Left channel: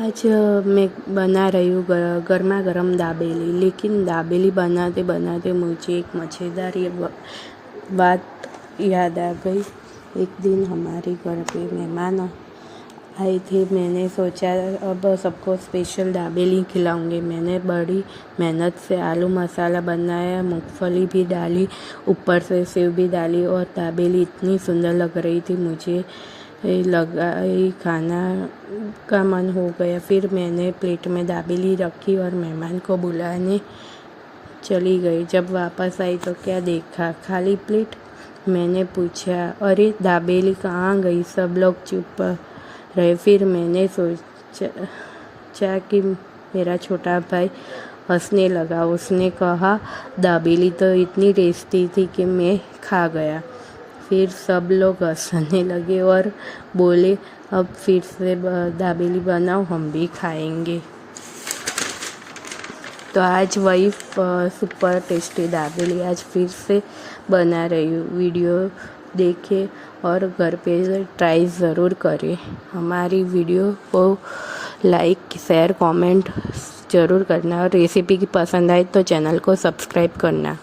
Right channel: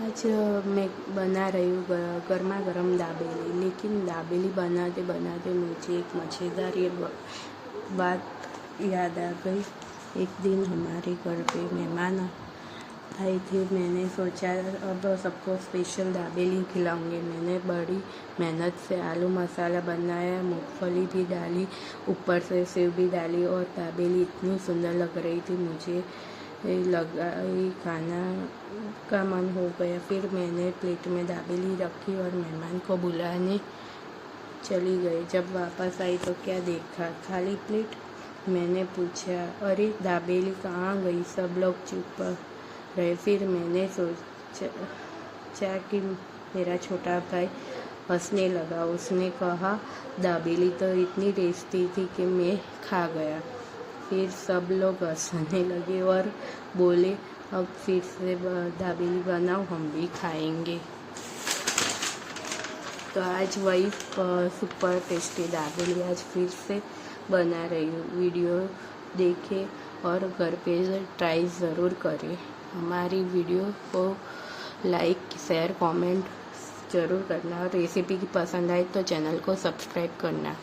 आज मैं बना रही हूँ गर्मा गर्म दाबेली। लेकिन दाबेली बनाते बनाते मुझे एक मज़ेदार बात याद आ गई। एक दिन हमारे घर पे मेहमान आए थे। मैंने सोचा अब सबको स्पेशल दाबेली खिलाऊंगी। मैंने बड़ी मेहनत से आलू मसाला बनाया, मूंगफली भी डाली, ऊपर से सेव भी डाली और दाबेली इतनी सुंदर लग रही थी, मुझे लगा खाना का मन हो गया। फिर मैंने प्लेट में दाबेली रखी और मेहमान को बुलाने चली गई। जब वापस आई तो क्या देखा, खाली प्लेट। मैंने पूछा, अरे दाबेली कहाँ गई? सब लोग चुप रहे। फिर मैंने सोचा कि मेरा छोटा भाई हंसने लगा। उसने कहा, दाबेली तो इतनी टेस्टी थी कि मैं खा गया। फिर सब लोग हंसने लगे और बोले, अब फिर से दाबेली बनाओ, हम भी खाएंगे। तो आज वही सुपर टेस्टी दाबेली आज फिर से बना रही हूँ। वीडियो देखें और घर पे ट्राई ज़रूर करें। हमारी वीडियो को लाइक, शेयर, कमेंट ज़रूर करना और रेसिपी की पसंद आए तो चैनल को सब्सक्राइब करना।